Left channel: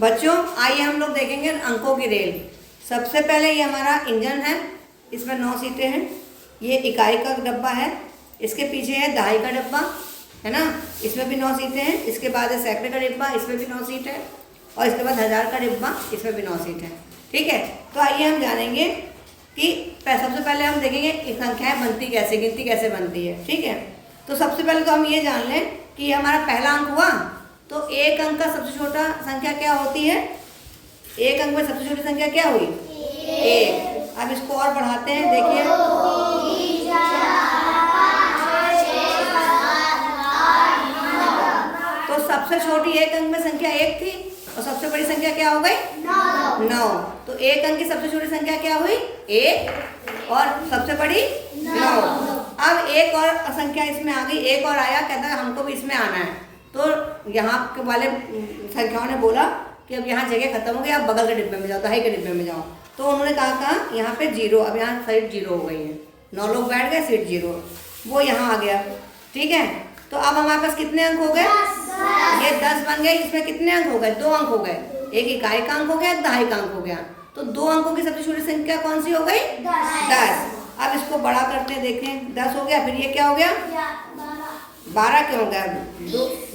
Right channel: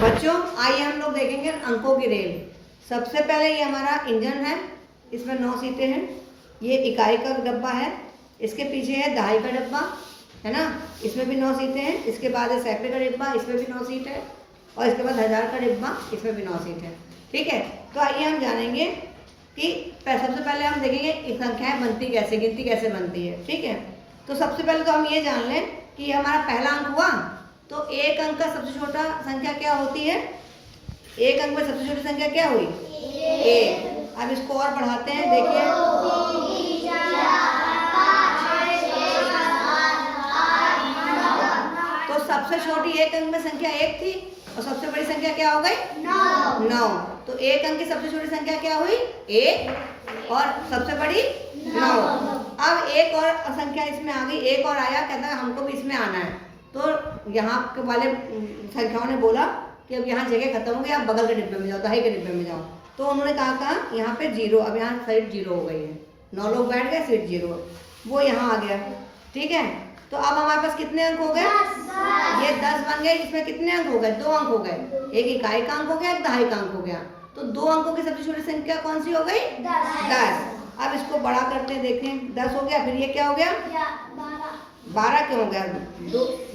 बच्चों आइए हम लोग देखेंगे अंकों की रेल। सबसे पहले ये हमारा इंजन है, इसमें 9 सीटें हैं। ये इकाई का डब्बा है, इसके पीछे है दहाई का डब्बा, है ना, इसमें भी 9 सीटें हैं। इसके बाद है सैकड़े का डिब्बा, इसमें भी 9 सीट है। और इसके बाद 1000 का डिब्बा, इसमें भी 9 सीट है। ठीक है, तो आइए हम जानेंगे कि सबसे पहले हम देखेंगे संख्याएं बनती कैसे, गिनती कैसे बनती है। ठीक है, तो सबसे पहले तो हम ये जान लें कि ये हमारा पहला अंक हुआ, तो एक अंक का सबसे छोटा संख्या क्या होती है? एक अंक में सबसे छोटी संख्या क्या हुई? एक। अब इसको और बढ़ाते हैं, देखिए तो सबसे छोटी एक अंक में संख्या 1 थी और सबसे बड़ी संख्या क्या हो गई? 9। तो एक अंक की सबसे छोटी संख्या क्या हुई? 1 और सबसे बड़ी 9। अब एक और संख्या इसमें आ गई, एक और आया, कहता है हमको भी इसमें आना है। तो यहाँ के वाले संख्याओं ने बोला कि अब यहाँ जगह खत्म हो गई, आप बगल के डिब्बे में जाओ, दहाई के डिब्बे में जाओ। तो उन्होंने कहा यहाँ पे 0, अब यहाँ सीट 0 हो गई है। 9 लोग बैठ गए, सीट 0, वो यहाँ आ गया। ठीक है, तो अब हमारे पास कितने अंक हो गए? ये 10 बन गए। इसमें कितने अंक हो गए? 2 अंक हो गए। एक इकाई का अंक हो गया, एक दहाई का अंक हो गया। तो 2 अंकों की सबसे छोटी संख्या कौन सी हो गई? 10। अब इसको बड़ा करते हैं, देखें 10 हो गया, फिर ये क्या हो गया? 12 क्यों हो गया?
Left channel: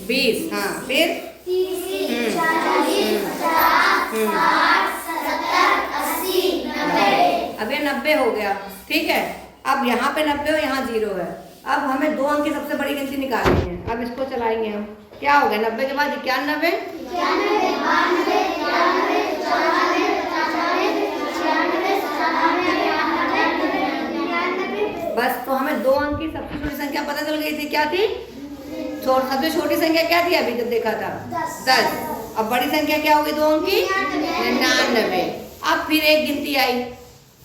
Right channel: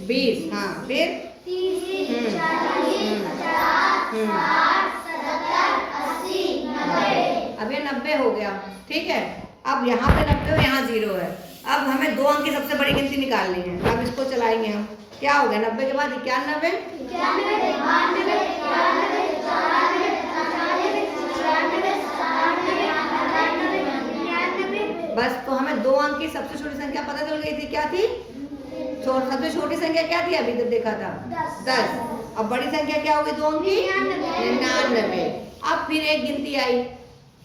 20। हाँ, फिर 30, 40, 50, 60, 70, 80, 90। अब ये 90 हो गया। ठीक है, अब यहाँ पे 90 और यहाँ 0 है। अब हमें 2 अंक की सबसे बड़ी गिनती निकालनी है। अब इसको चलाएंगे हम, क्या हो गया? 90 के बाद 91, बस। तो हमें 2 अंक की सबसे छोटी संख्या पता चल गई थी, क्या थी? सबसे छोटी संख्या क्या थी अभी जब देखा था? 10। अब बड़ी संख्या क्या होगी 2 अंक की? 99। अब फिर एक गिनती आई,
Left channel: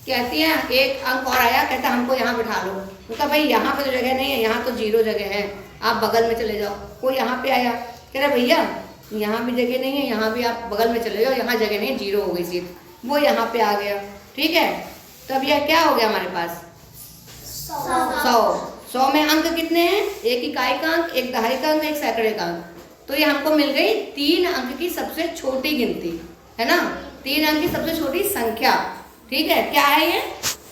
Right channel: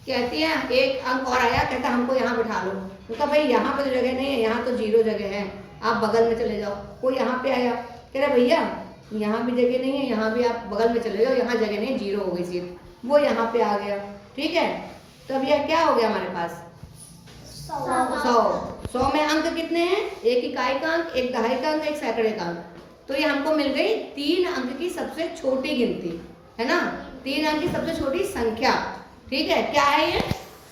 कहती है एक अंक और आया, कहता हमको यहाँ बिठा लो। उनका भाई यहाँ पे तो जगह नहीं है, यहाँ तो 0 जगह है, आप बगल में चले जाओ। कोई यहाँ पे आया, कह रहा भैया यहाँ भी जगह नहीं है, यहाँ भी आप बगल में चले जाओ, यहाँ जगह नहीं, 0 हो गई सीट। वो यहाँ पे आ गया। ठीक है, तो अब यह क्या हो गया हमारे पास? 100 में अंक कितने हैं? एक इकाई का अंक, एक दहाई का अंक, एक सैकड़े का अंक। तो ये हमको मिल गई 3 अंक की सबसे छोटी गिनती, है ना, 3 अंक की सबसे छोटी संख्या। ठीक है, क्या है ये?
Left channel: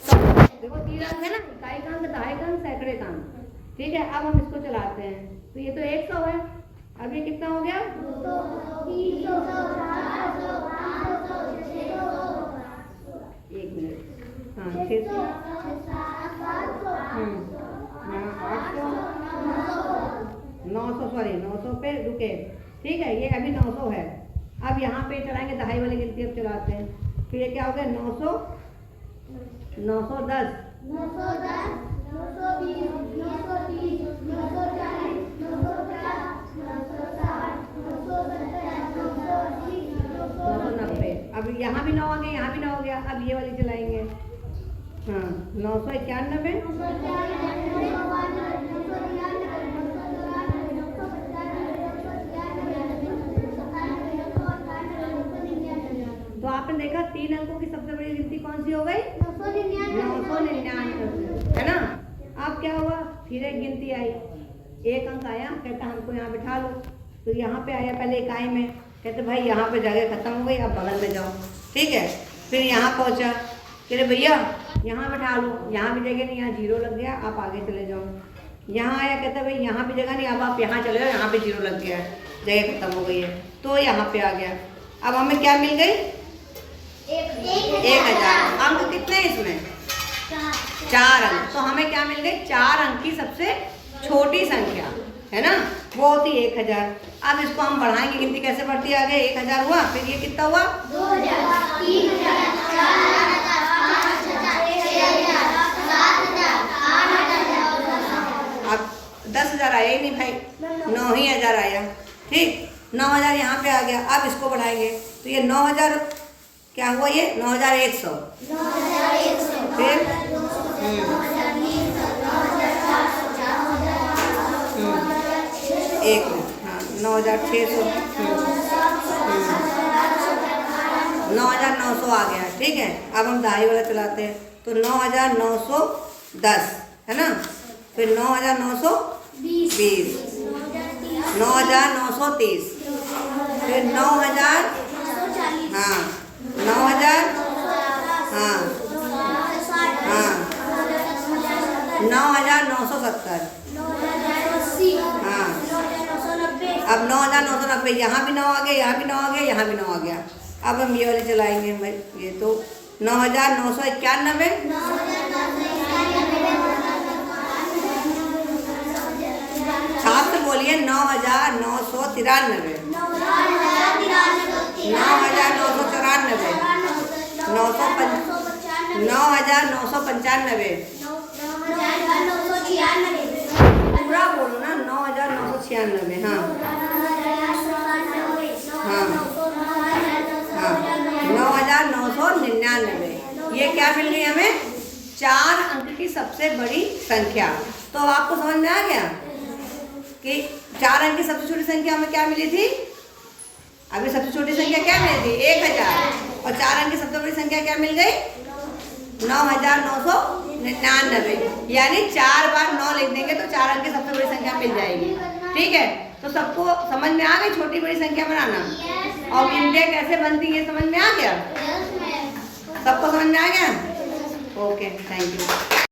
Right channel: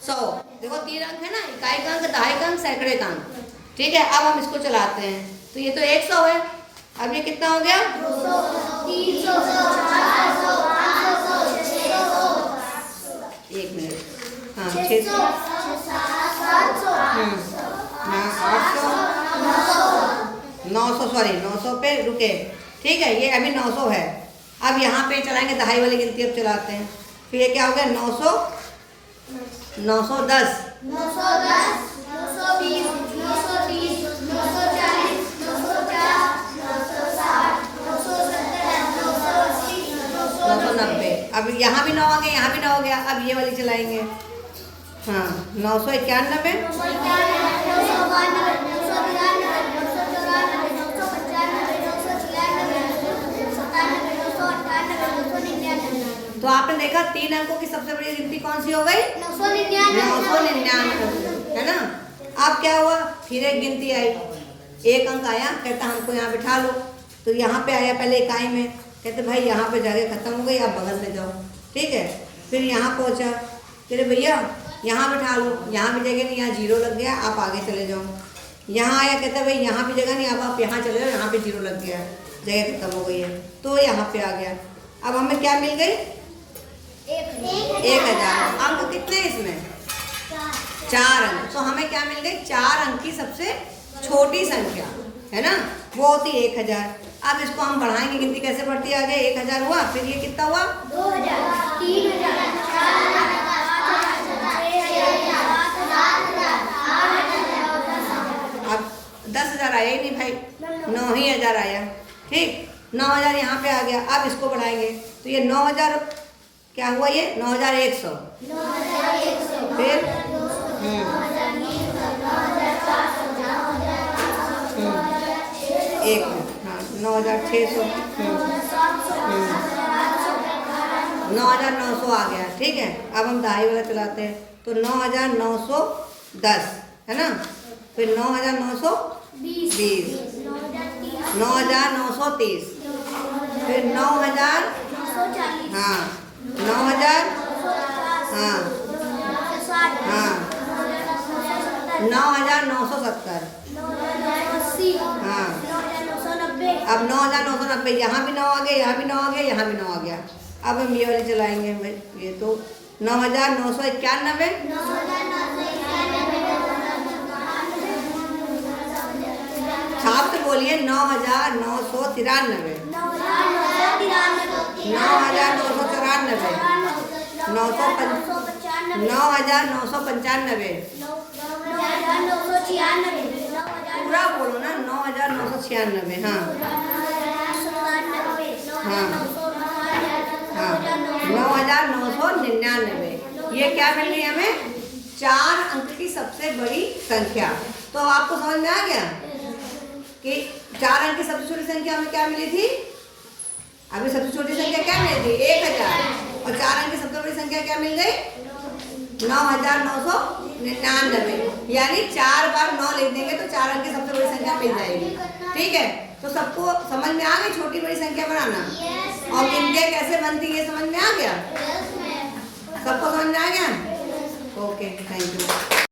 100। देखो 3 अंक है ना, इकाई का अंक, दहाई का अंक, सैकड़े का अंक। ठीक है, अब हम इसको चलाते हैं, तो ये तो 100 है। अब ये कितना हो गया? 200, 300, 400, 500, 600, 1 मिनट, हाँ 600, 900, सॉरी 900 पे रुके। ठीक है, ये अभी 900 है। अब यहाँ पे चलाएंगे दहाई वाली गिनती, अब चलाते हैं। फिर ये क्या हो गया? 900, 910, 910, 920, 930, 940, 950, 960, 970, 980, 990। अब यहाँ भी 9 आ गए, यहाँ भी 9 हो गया। अब ये वाली चलाएंगे, हाँ 991, तो आपने देखा 3 अंकों की सबसे बड़ी गिनती कौन सी हो गई? 999, है ना। अब क्या हुआ? फिर एक गिनती आई, एक अंक आया, कहता हमको यहाँ बिठा लो। तो यहाँ पे आया पहले इकाई में, कहते भाई यहाँ पे जगह खत्म हो गई, आप बगल में जाओ। ठीक है, फिर यहाँ पहुँचा, कह रहे भैया यहाँ बिठा लो, यहाँ भी जगह नहीं, यहाँ 0 लग गया, आप आगे चले जाओ। यहाँ आया, कहता भाई यहाँ भी जगह नहीं, अब आप यहाँ चले जाओ, यहाँ पे 0 लग गया है, जगह खत्म हो गई है। तो यहाँ पे आ गया। अब हमें क्या मिल गई? 1000। अंक कितने इसमें? 4 अंक। तो हमें क्या मिल गई? 4 अंक की सबसे छोटी संख्या, है ना, वो होती 1000। अब इसको हम बढ़ाएंगे, गिनती कैसे बढ़ती है आगे? 1000 हुआ, फिर ये कितना हुआ? 2000, 3000, 4000, 5000, 6000, 7000, 8000। अब 10,000 आया ही नहीं भाई, 9,000 आया। ठीक, 9000 यहाँ पे आ गया। अब इसको बढ़ाएंगे, तो ये 9000 क्या हुआ? ये 9100, फिर 1 मिनट, हाँ 9600, 9900 आ गया। ठीक है, अब हम दहाई वाला चलाते हैं, तो 9910, है ना, फिर 9920, 9930, फिर 9940, हाँ 9000, हाँ हाँ 9970, हाँ अब 9990, यहाँ भी 9 आ गया, यहाँ भी 9 आ गया, यहाँ भी 9 आ गया। अब हम ये वाले चलाएंगे, ये तो 9991, छाप से बोलिए 9993, 9994, 9995, पूरा बोलो ना, 9996, हाँ हाँ हाँ 9999। ये क्या मिल गई हमें? 4 अंक की सबसे बड़ी संख्या। तो आपको समझ में आ गया कि 4 अंक की सबसे छोटी संख्या हमें क्या मिली थी? अभी सबसे छोटी संख्या क्या मिली थी? 1000। और 4 अंक की सबसे बड़ी संख्या क्या मिल गई? 9999। यानी 4 बार 9 लिख देंगे तो 4 अंक की सबसे बड़ी संख्या मिल जाएगी। ठीक है, तो सबको समझ में आ गई छोटी बड़ी संख्या बनाना? और गिनतियाँ कैसे बनती है समझ में आ गया? सबको समझ में आ गया? Okay, thank you.